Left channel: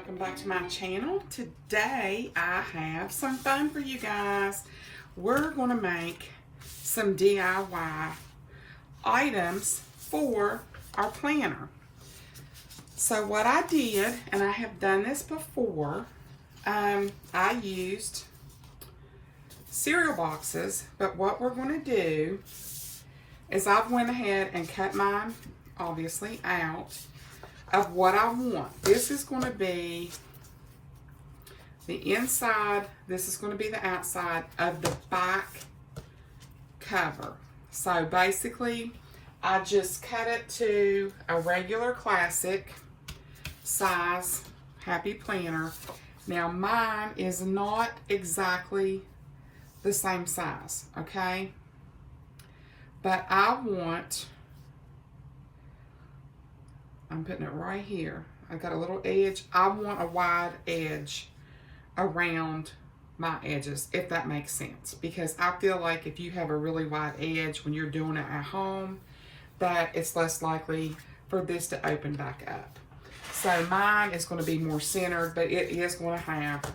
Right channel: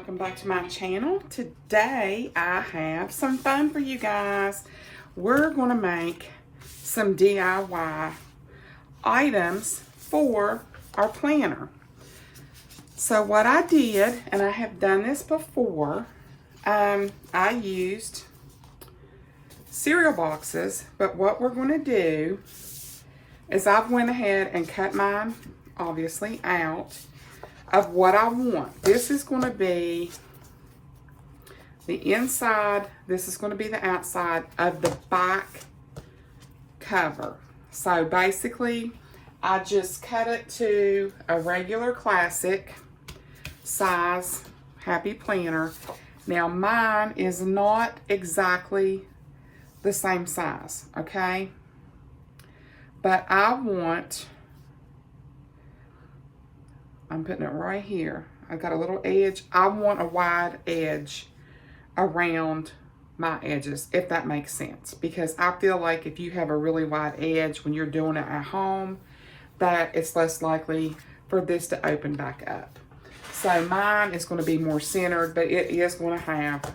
welcome back to my channel. Today I have some fun for you guys. We're going to make some DIY items for our planner. So what I did, and I have done this before, I used cereal boxes, but what we're going to do is I've went ahead and cut mine obviously out of what I want. This is going to be the inside, this is going to be the outside of the back cover. So basically I just cut it to a regular classic size Happy Planner. Now mine is not exactly the same size, okay? But I'm putting it right here. I've got a little edge. I want a wide edge around my edges, if that makes sense. Because I feel like if you have a really wide edge when you're doing it at home, that it's less likely for this to open back up. So mine is going to be more centered, but it is going to have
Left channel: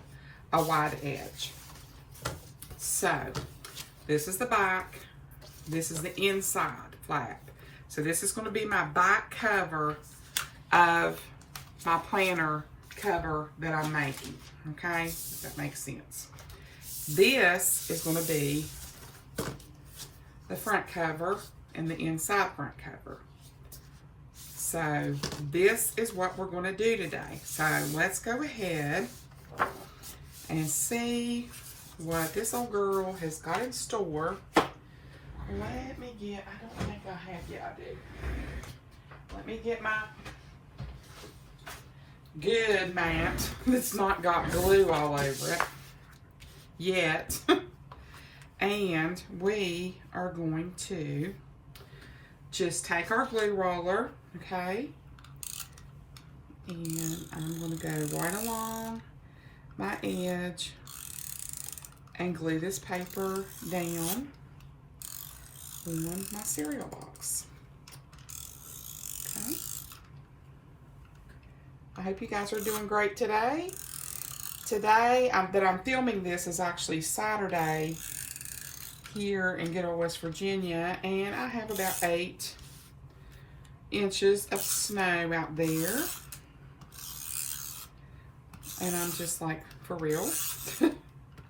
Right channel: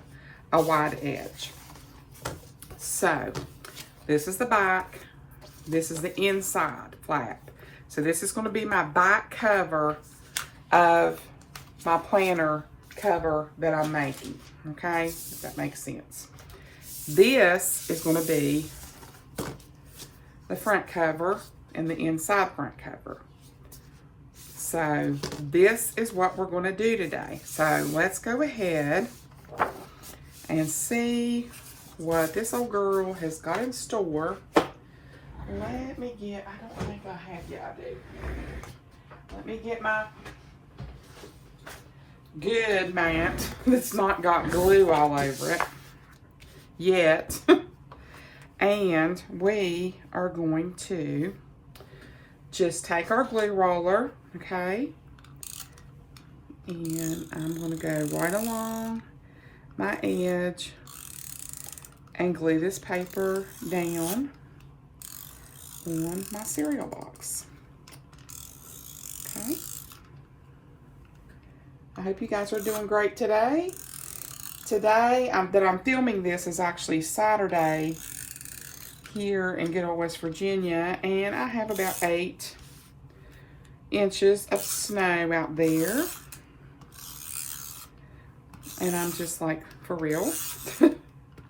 a wide edge. So this is the back. This is the inside flap. So this is going to be my back cover of my planner cover that I'm making. Okay, if that makes sense. This is going to be the front cover and the inside front cover. So this is what we're going to do today. So let's go ahead and see what this old girl has got in store. Let me get, I don't think I have, yeah I do. Let me get my good mat that's not got glue all over it yet. And we are going to just take our glue roller, okay? And I'm going to go right along my edge and glue this paper down on my cereal box. Okay. I hope you guys are doing great today. Today that I'm filming this is actually Saturday here in good old West Virginia, and I have about 8 inches of snow out there. And I'm just like, for real?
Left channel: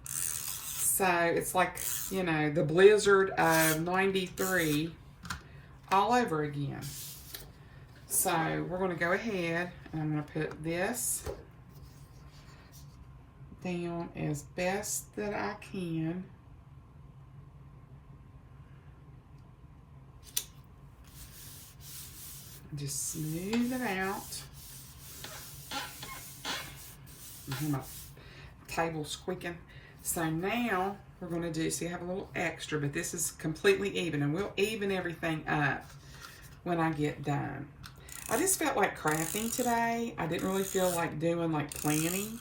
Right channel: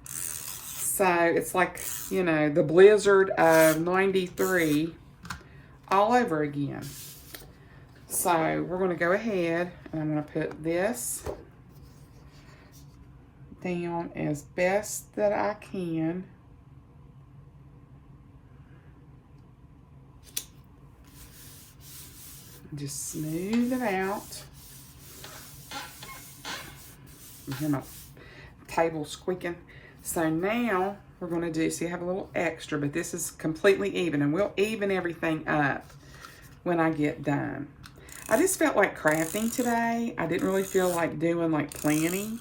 So it's like, you know, the blizzard of 93 all over again. So we're going to go ahead and I'm going to put this down as best that I can. Just smooth it out. You hear my table squeaking. So now we're going to do, see I have a little extra, but this is completely even, and we'll even everything up when I get done. I just felt like crafting today. I didn't really feel like doing like planning,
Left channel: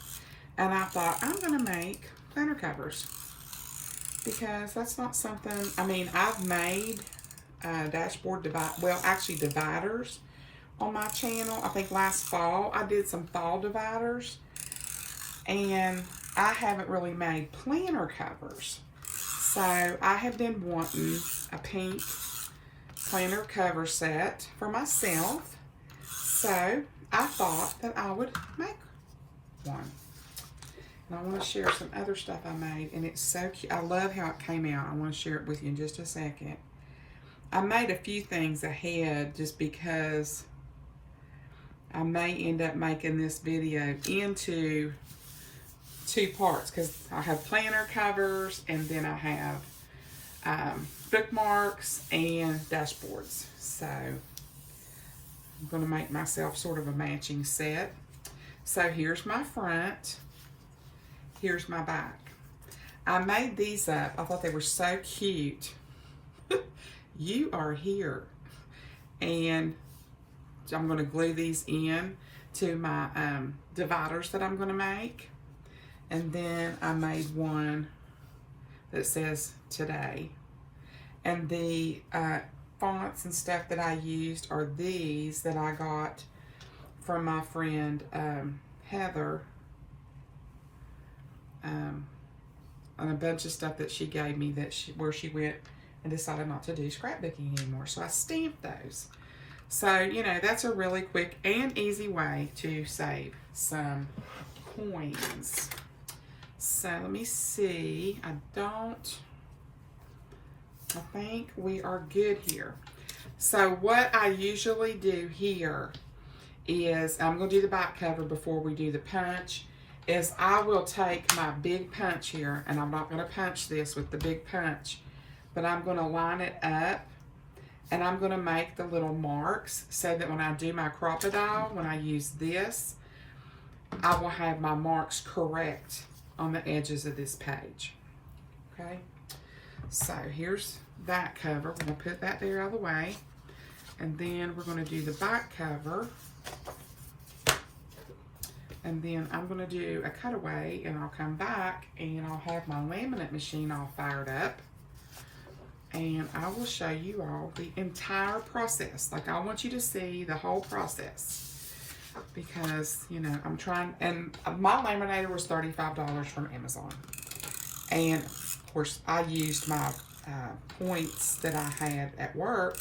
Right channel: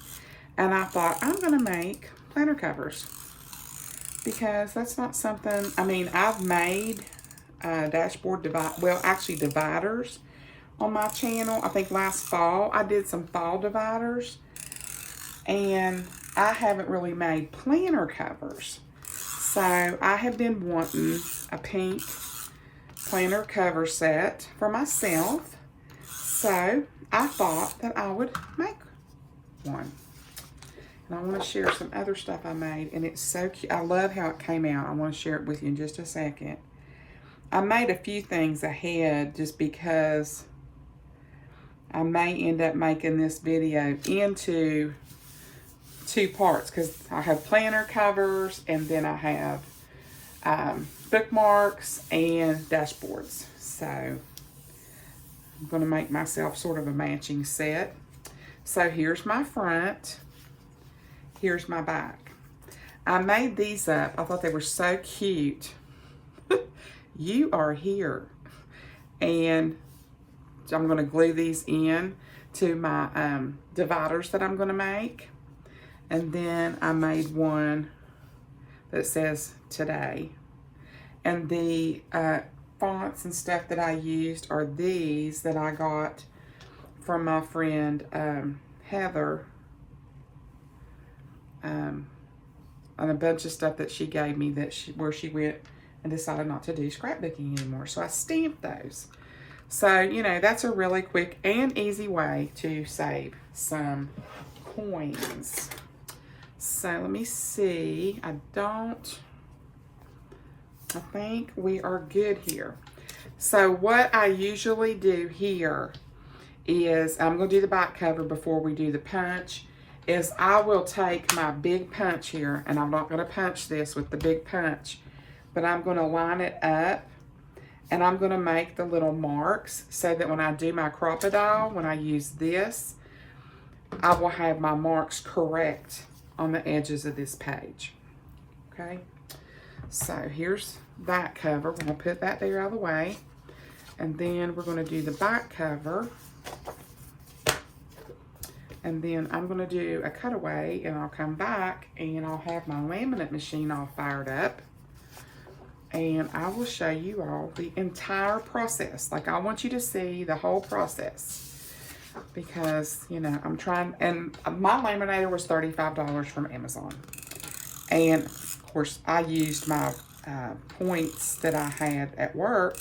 and I thought I'm going to make planner covers because that's not something, I mean, I've made dashboard dividers on my channel. I think last fall I did some fall dividers, and I haven't really made planner covers. So I have been wanting a pink planner cover set for myself. So I thought that I would make one. And I want to share some other stuff I made, and it's so cute. I love how it came out. I want to share it with you in just a second. I made a few things ahead just because I may end up making this video into 2 parts, because I have planner covers and then I have bookmarks and dashboards. So I'm going to make myself sort of a matching set. So here's my front, here's my back. I made these up. I thought they were so cute. You are here. And I'm going to glue these in to my dividers that I'm going to make. And then I made one that says today. And the fonts and stuff that I used are these that I got from my friend Heather on a bunch of stuff that she gave me where she went and decided not to do scrapbooking anymore. So I stamped those. So, you know, that's a really quick and easy way to save some coins. So let me see. I think we are good here. So what I usually do here is, I'm going to do the back cover before we do the punch, is I will take my big punch here, and I'm not going to punch this with the big punch, but I'm going to line it up, and I'm going to make the little marks so that when I do my crocodile, when I use this, I will have my marks correct on the edges of this page. Okay, so here's that cover. We're going to put that there out of the way, and then we're going to do the back cover, and then I'm going to do a cutaway, and I'll come back and I'll have my laminate machine all fired up, and I will show you all the entire process. Like, I want you to see the whole process, because, you know, I'm trying, and my laminator was $35 from Amazon. And of course I used my points that I had at work,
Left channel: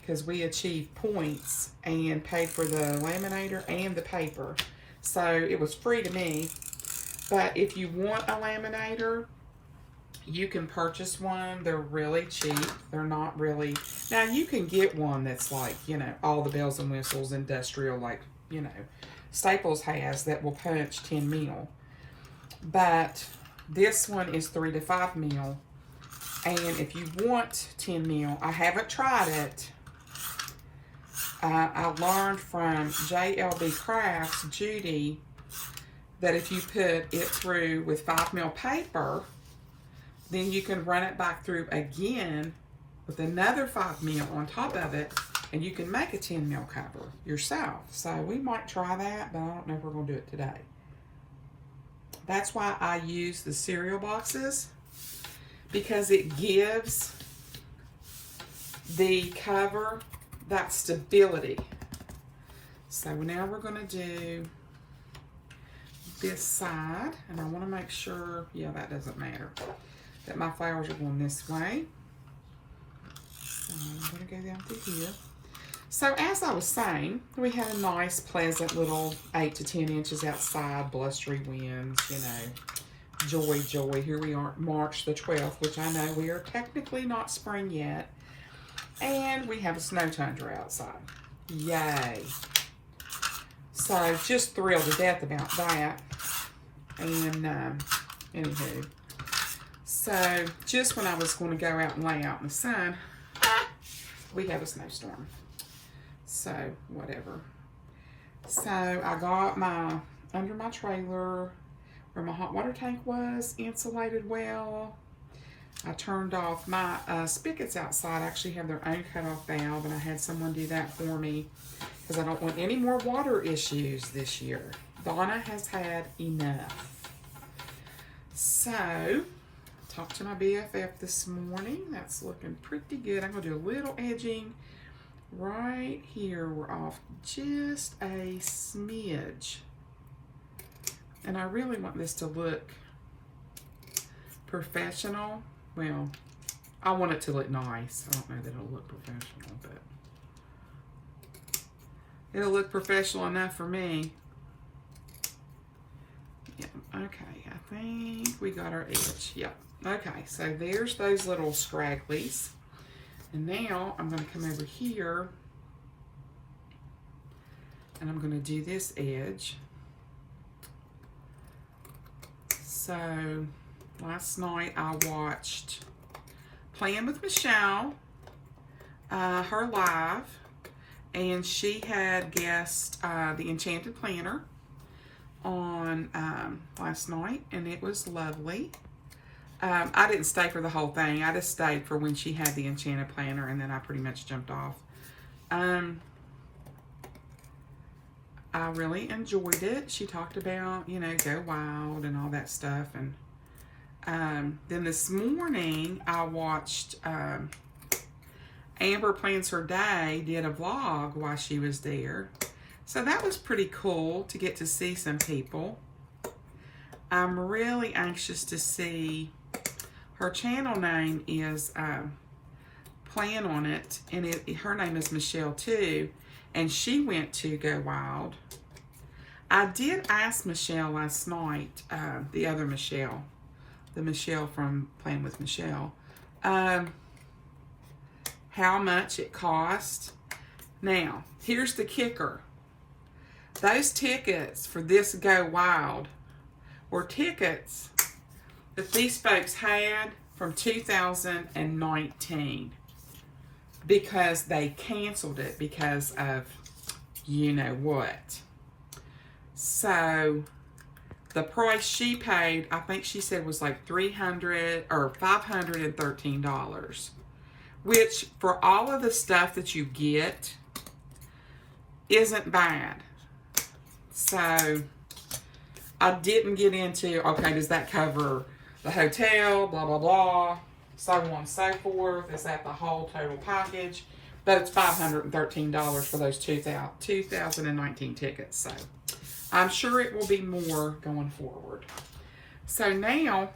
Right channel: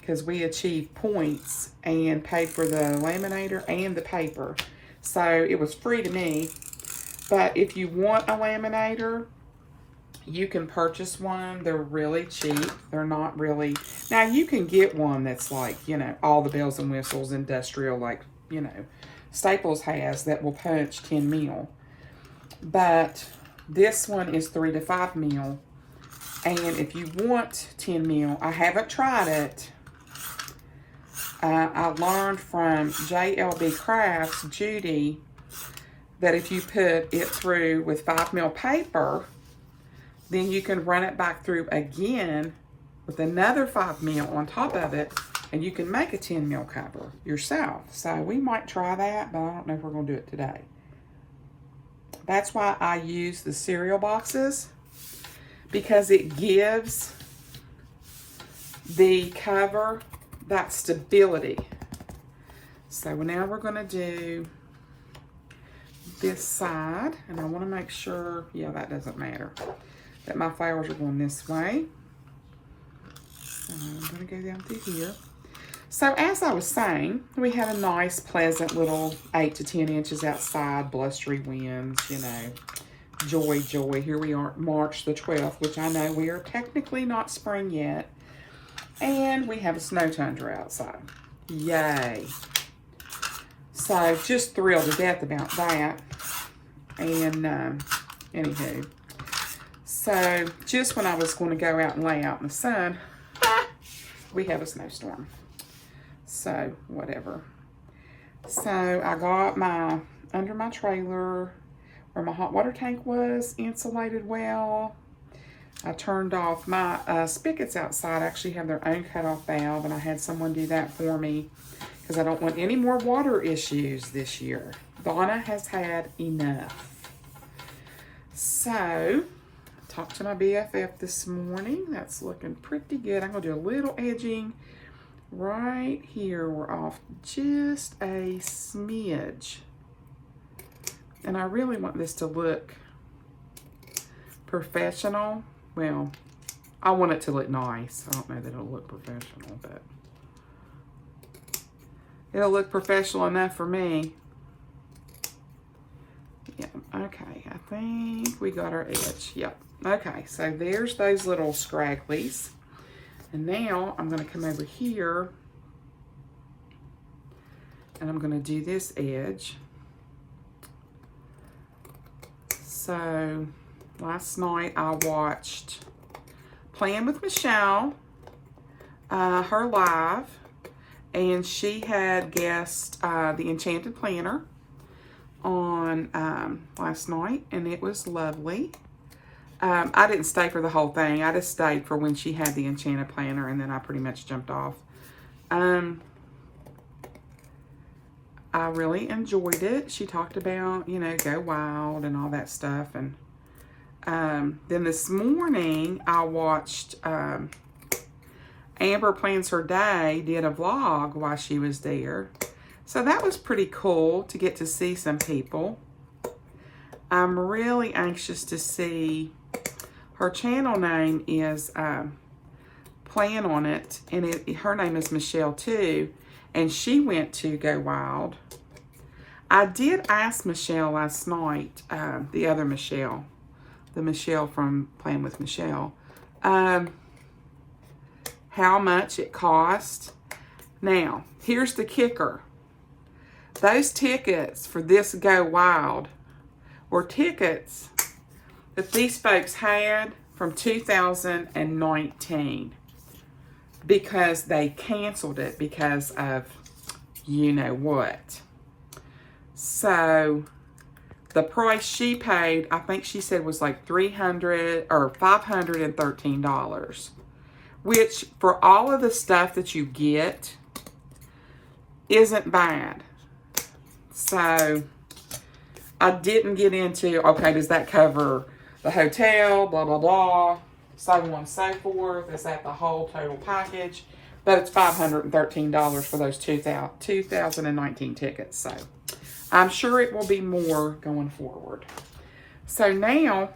because we achieved points and paid for the laminator and the paper. So it was free to me. But if you want a laminator, you can purchase one. They're really cheap. They're not really, now you can get one that's like, you know, all the bells and whistles, industrial, like, you know, Staples has, that will punch 10 mil. But this one is 3 to 5 mil. And if you want 10 mil, I haven't tried it. I learned from JLB Crafts, Judy, that if you put it through with 5 mil paper, then you can run it back through again with another 5 mil on top of it, and you can make a 10 mil cover yourself. So we might try that, but I don't know if we're going to do it today. That's why I use the cereal boxes, because it gives the cover that stability. So now we're going to do this side, and I want to make sure, yeah, that doesn't matter, that my flowers are going this way. So I'm going to go down through here. So as I was saying, we had a nice, pleasant little 8 to 10 inches outside, blustery winds, you know, joy, joy. Here we are, March the 12th, which I know we are technically not spring yet. And we have a snow tundra outside. Yay. So just thrilled to death about that. And anywho, so just when I was going to go out and lay out in the sun, we have a snowstorm. So whatever. So I got my, under my trailer where my hot water tank was, insulated well. I turned off my spigots outside. Actually have their own cutoff valve, and I had someone do that for me because I don't want any more water issues this year. Donna has had enough. So, I talked to my BFF this morning. That's looking pretty good. I'm going to do a little edging right here. We're off just a smidge. And I really want this to look professional. Well, I want it to look nice. I don't know that it'll look professional, but it'll look professional enough for me. Yeah, okay, I think we got our edge. Yep, okay, so there's those little scragglies. And now I'm gonna come over here and I'm gonna do this edge. So last night I watched Plan with Michelle, her live, and she had guessed the Enchanted Planner on last night, and it was lovely. I didn't stay for the whole thing. I just stayed for when she had the Enchanted Planner, and then I pretty much jumped off. I really enjoyed it. She talked about, you know, go wild and all that stuff. And then this morning I watched Amber Plans Her Day, did a vlog while she was there. So that was pretty cool to get to see some people. I'm really anxious to see, her channel name is Plan on It, and her name is Michelle too, and she went to Go Wild. I did ask Michelle last night, the other Michelle, the Michelle from Plan with Michelle, how much it cost. Now, here's the kicker. Those tickets for this Go Wild were tickets that these folks had from 2019 because they canceled it because of you know what. So the price she paid, I think she said was like $300 or $513, which for all of the stuff that you get isn't bad. So I didn't get into, okay, does that cover the hotel, blah, blah, blah, so on and so forth. Is that the whole total package? But it's $513 for those 2019 tickets. So I'm sure it will be more going forward. So now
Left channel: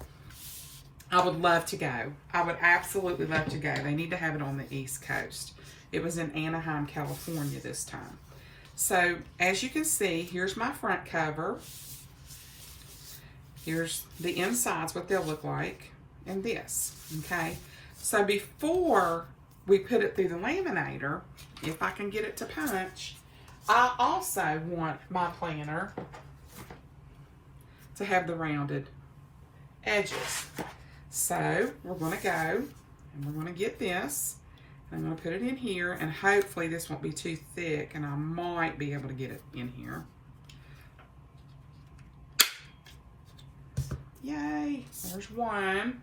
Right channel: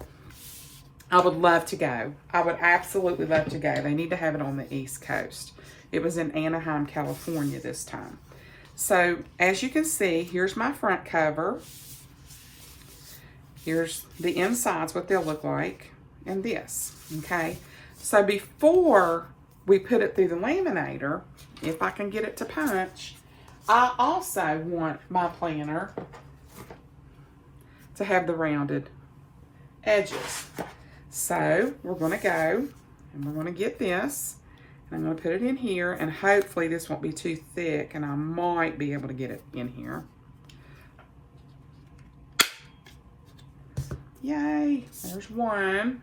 I would love to go. I would absolutely love to go. They need to have it on the East Coast. It was in Anaheim, California this time. So as you can see, here's my front cover. Here's the insides, what they'll look like, and this, okay? So before we put it through the laminator, if I can get it to punch, I also want my planner to have the rounded edges. So we're gonna go and we're gonna get this. I'm gonna put it in here, and hopefully this won't be too thick, and I might be able to get it in here. Yay, there's one.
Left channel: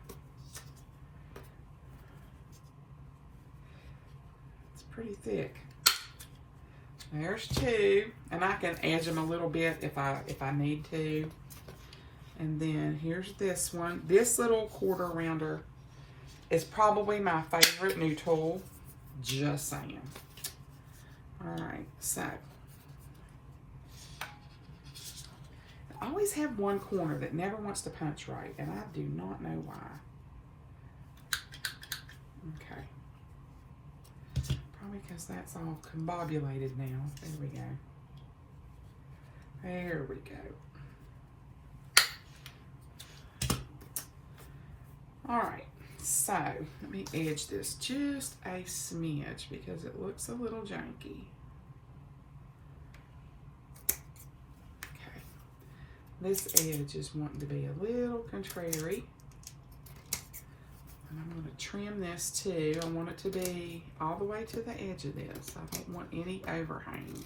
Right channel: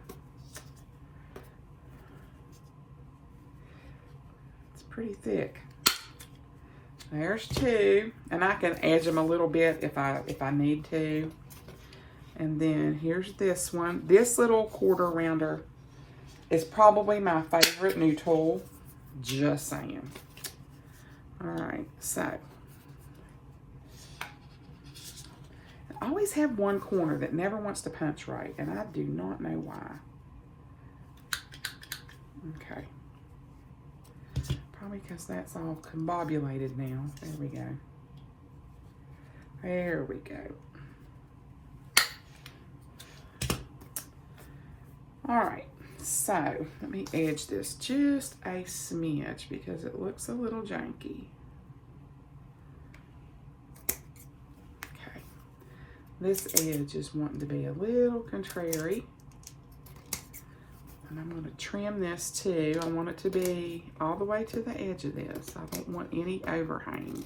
It's pretty thick. There's two, and I can edge them a little bit if I need to. And then here's this one. This little quarter rounder is probably my favorite new tool. Just saying. All right, so I always have one corner that never wants to punch right, and I do not know why. Okay. Probably because that's all combobulated now. There we go. There we go. All right, so let me edge this just a smidge because it looks a little janky. Okay, this edge is wanting to be a little contrary. And I'm going to trim this too. I want it to be all the way to the edge of this. I don't want any overhang.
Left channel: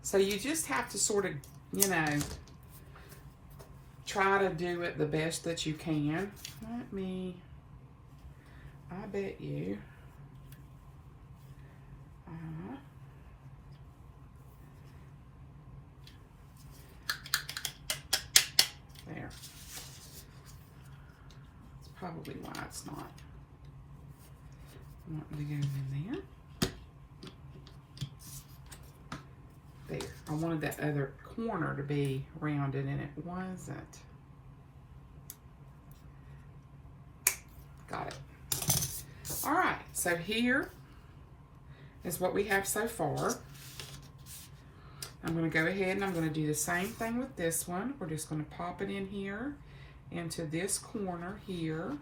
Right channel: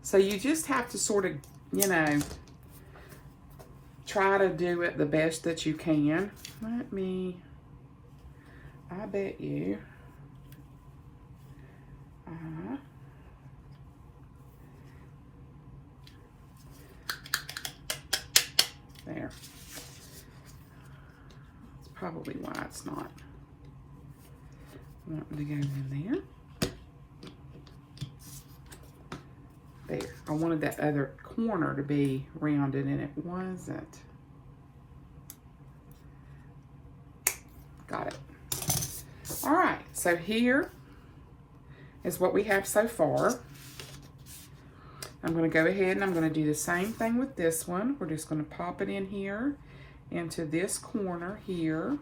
So you just have to sort of, you know, try to do it the best that you can. Let me, I bet you, there. That's probably why it's not wanting to go in there. There. I wanted that other corner to be rounded, and it wasn't. Got it. All right, so here is what we have so far. I'm going to go ahead and I'm going to do the same thing with this one. We're just going to pop it in here into this corner here.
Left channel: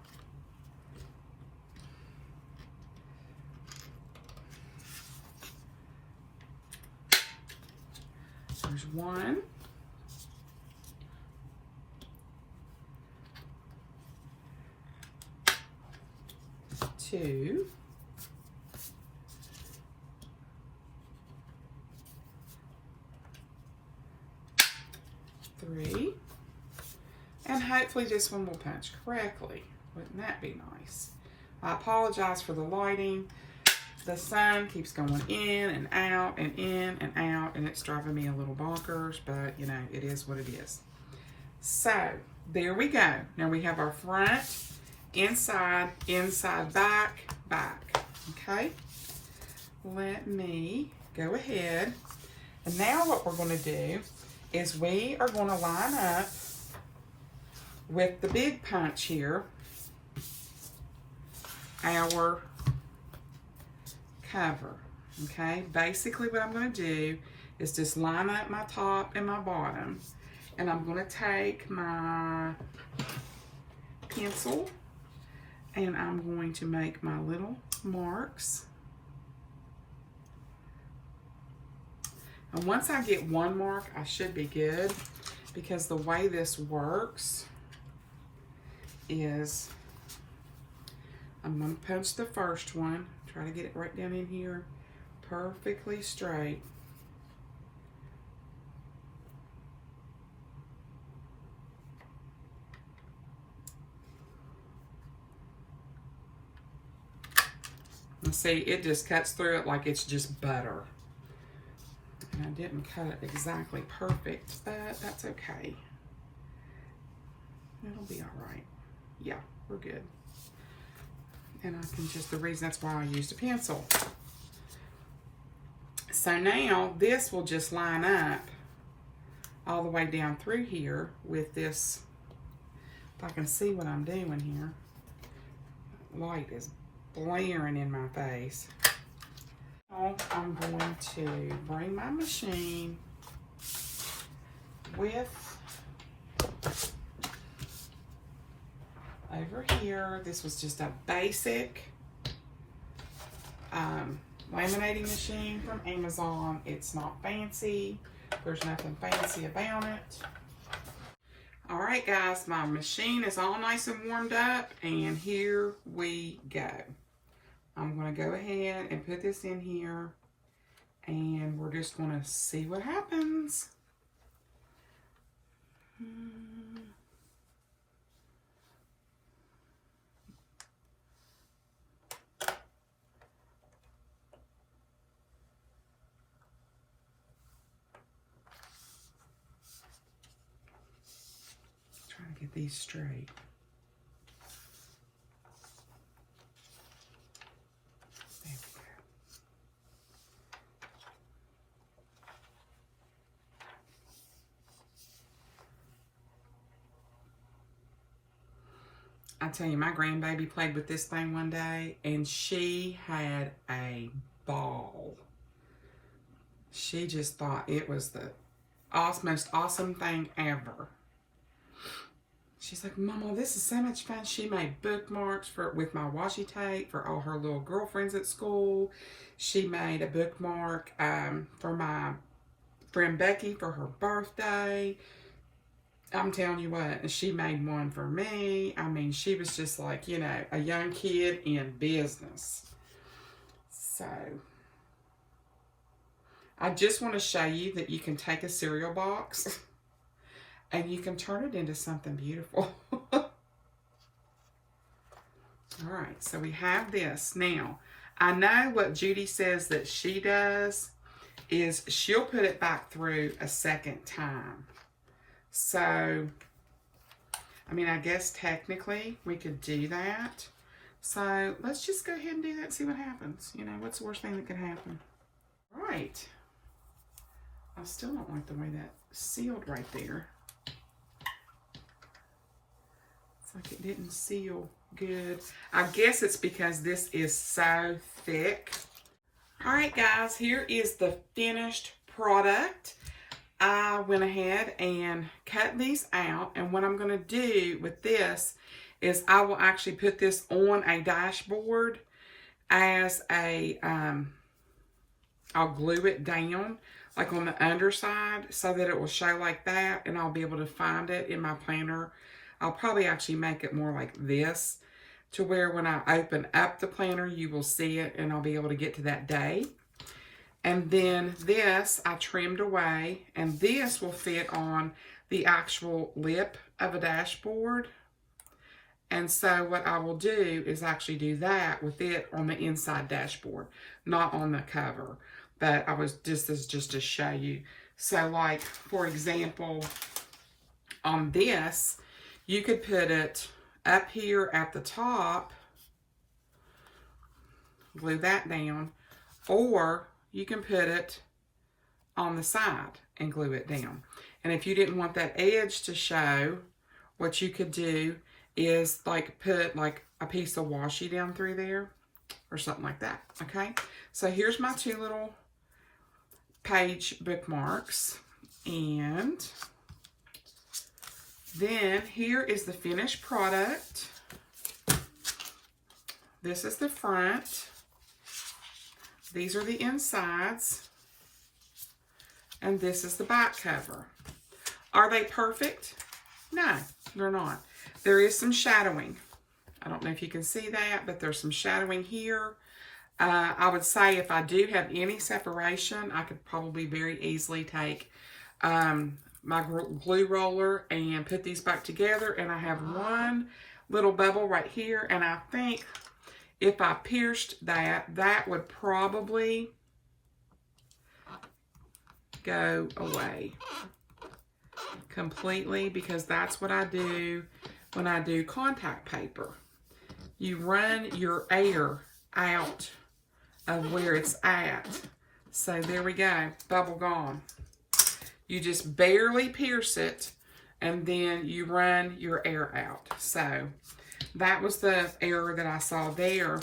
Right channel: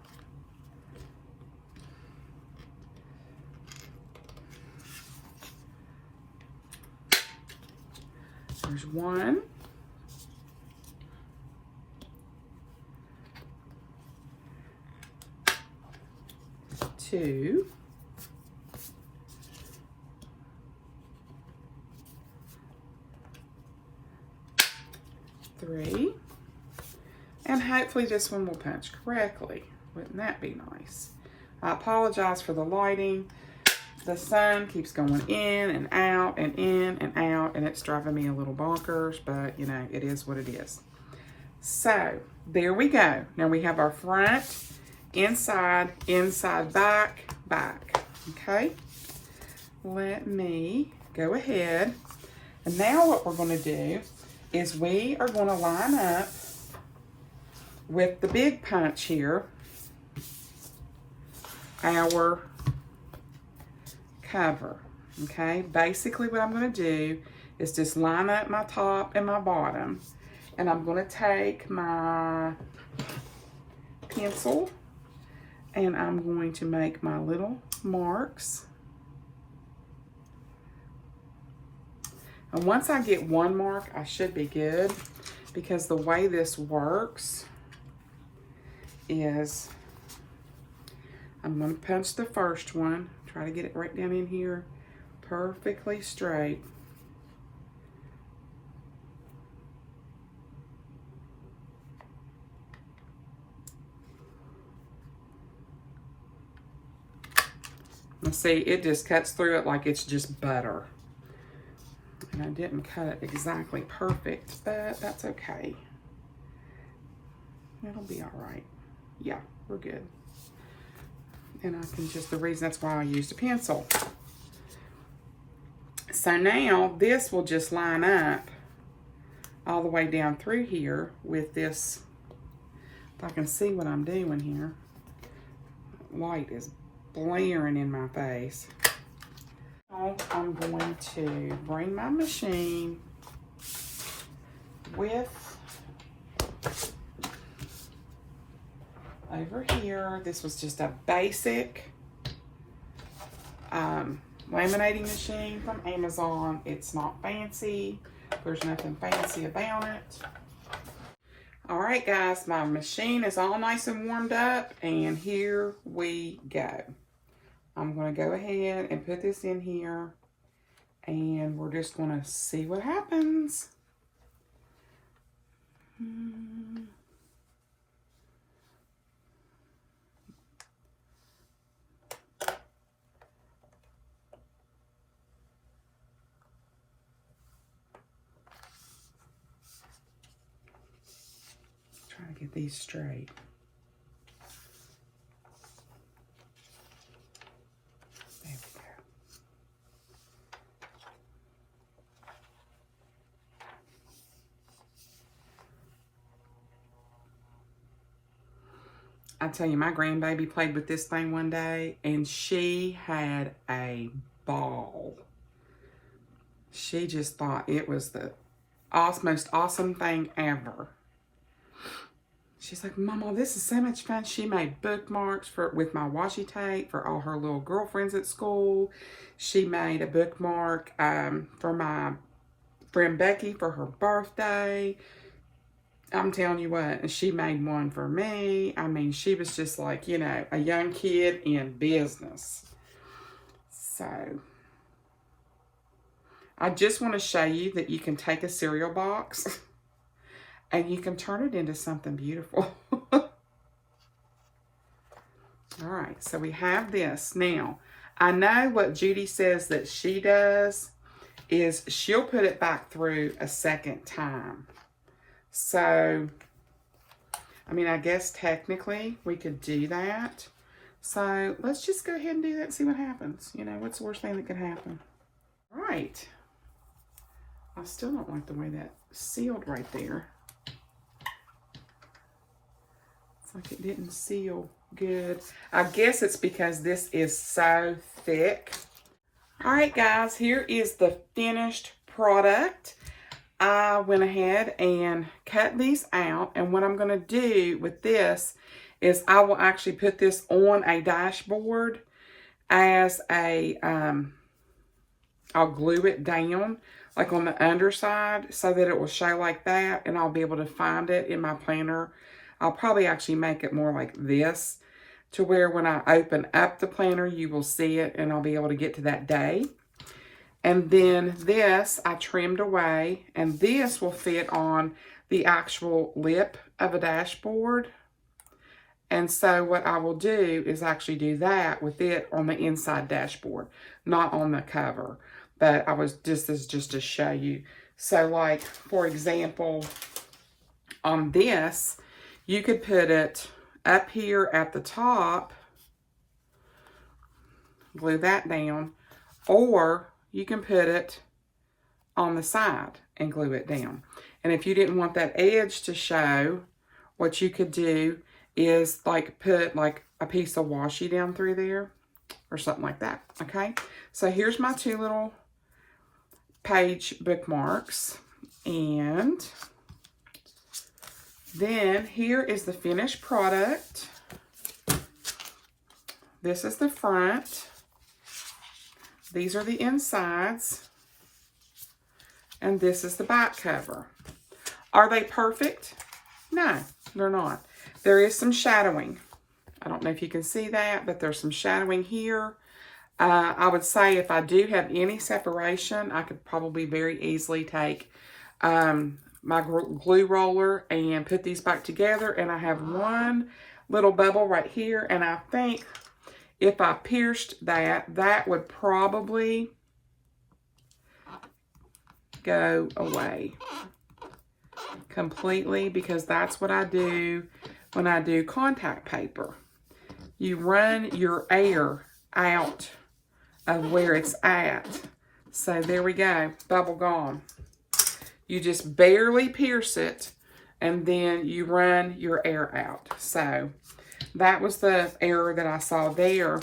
There's one. Two. Three. And hopefully this one will punch correctly. Wouldn't that be nice? I apologize for the lighting. The sun keeps going in and out and in and out, and it's driving me a little bonkers, but you know, it is what it is. So there we go. Now we have our front, inside, inside, back, back. Okay. Let me go ahead And now what we're going to do is we are going to line up with the big punch here our cover. Okay, basically what I'm going to do is just line up my top and my bottom, and I'm going to take my pencil and I'm going to make my little marks. And once I get one mark, I should be good, because the way this works is I'm going to punch the first one, try to get it right down in here, perfectly straight. And see, it just cuts through it like it's just butter. And I didn't cut it exactly perfect, but that's okay. It'll be all right. Yeah, we're good. And I can just, the reason that's why I used a pencil. So now this will just line up all the way down through here with this. If I can see what I'm doing here. Light is blaring in my face. I'm going to bring my machine with over here. This was just a basic laminating machine from Amazon. It's not fancy. There's nothing fancy about it. All right, guys, my machine is all nice and warmed up, and here we go. I'm going to go ahead and put this in here, and we're just going to see what happens. Trying to get these straight. There we go. I tell you, my grandbaby played with this thing one day, and she had a ball. She just thought it was the most awesome thing ever. She's like, Mama, this is so much fun. She made bookmarks with my washi tape for all her little girlfriends at school. She made a bookmark for my friend Becky for her birthday. I'm telling you what, she made one for me. I mean, she was just like, you know, a young kid in business. So, I just want to show you that you can take a cereal box and you can turn it into something beautiful. All right, so we have this. Now, I know what Judy says that she does is she'll put it back through a second time. So, I mean, I guess technically we could do that. So, let's just go ahead and do that and see what happens. You know, what's the worst thing that could happen? All right. I still don't like the way that sealed right there. It's like it didn't seal good. I guess it's because this is so thick. All right, guys, here is the finished product. I went ahead and cut these out, and what I'm going to do with this is I will actually put this on a dashboard as a, I'll glue it down like on the underside so that it will show like that, and I'll be able to find it in my planner. I'll probably actually make it more like this to where when I open up the planner, you will see it and I'll be able to get to that day. And then this I trimmed away, and this will fit on the actual lip of a dashboard. And so what I will do is actually do that with it on the inside dashboard, not on the cover. But I was just to show you. So like, for example, on this, you could put it up here at the top, glue that down, or you can put it on the side and glue it down. And if you didn't want that edge to show, what you could do is like put like a piece of washi down through there or something like that, okay? So here's my 2 little page bookmarks. And then here is the finished product. This is the front. These are the insides. And this is the back cover. Are they perfect? No, they're not. There is some shadowing. I don't know if you can see that, but there's some shadowing here. I would say if I do have any separation, I could probably very easily take my glue roller and put these back together. And I have one little bubble right here. And I think if I pierced that, that would probably go away completely, because that's what I do when I do contact paper. You run your air out of where it's at. So there we go, bubble gone. You just barely pierce it and then you run your air out. So that was the error that I saw there.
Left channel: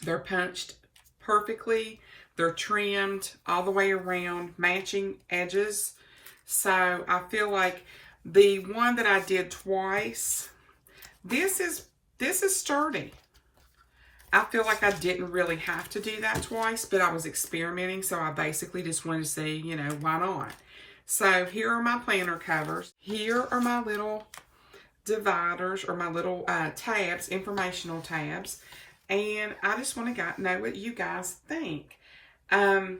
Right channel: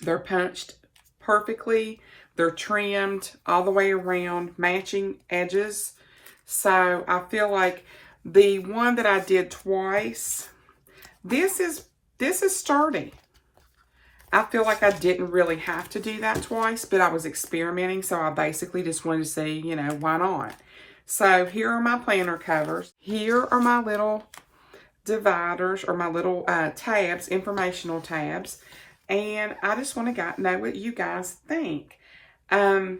They're punched perfectly. They're trimmed all the way around, matching edges. So I feel like the one that I did twice, this is sturdy. I feel like I didn't really have to do that twice, but I was experimenting, so I basically just wanted to see, you know, why not? So here are my planner covers. Here are my little dividers, or my little tabs, informational tabs. And I just want to know what you guys think. I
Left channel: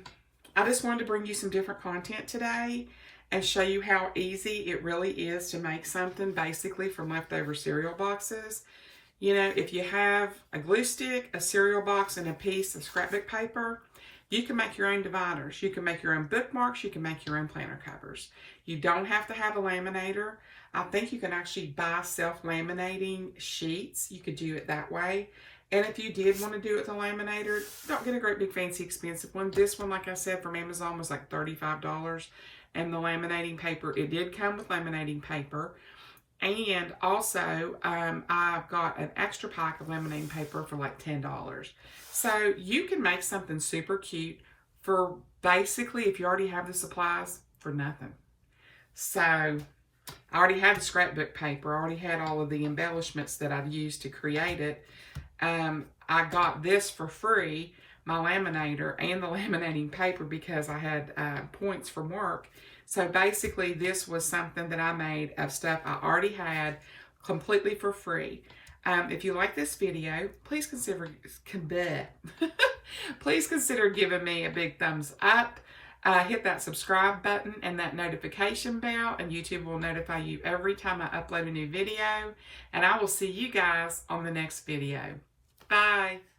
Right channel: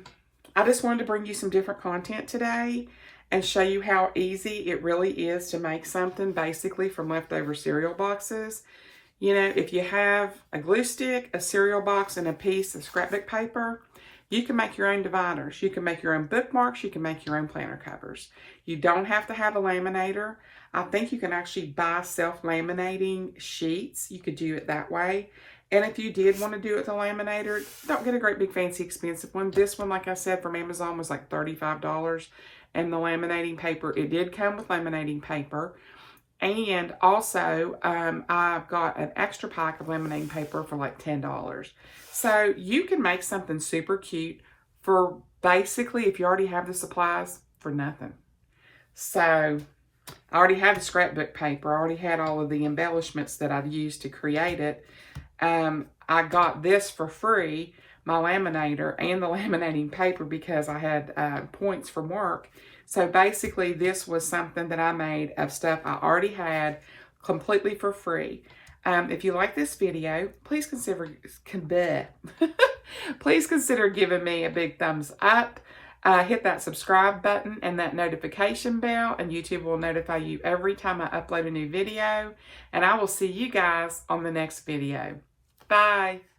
just wanted to bring you some different content today and show you how easy it really is to make something basically from leftover cereal boxes. You know, if you have a glue stick, a cereal box, and a piece of scrapbook paper, you can make your own dividers. You can make your own bookmarks. You can make your own planner covers. You don't have to have a laminator. I think you can actually buy self-laminating sheets. You could do it that way. And if you did want to do it with a laminator, don't get a great big fancy expensive one. This one, like I said, from Amazon was like $35. And the laminating paper, it did come with laminating paper. And also, I've got an extra pack of laminating paper for like $10. So you can make something super cute for basically, if you already have the supplies, for nothing. So I already had the scrapbook paper. I already had all of the embellishments that I've used to create it. I got this for free, my laminator and the laminating paper, because I had points from work. So basically this was something that I made of stuff I already had completely for free. If you like this video, please consider giving me a big thumbs up. Hit that subscribe button and that notification bell, and YouTube will notify you every time I upload a new video. And I will see you guys on the next video. Bye.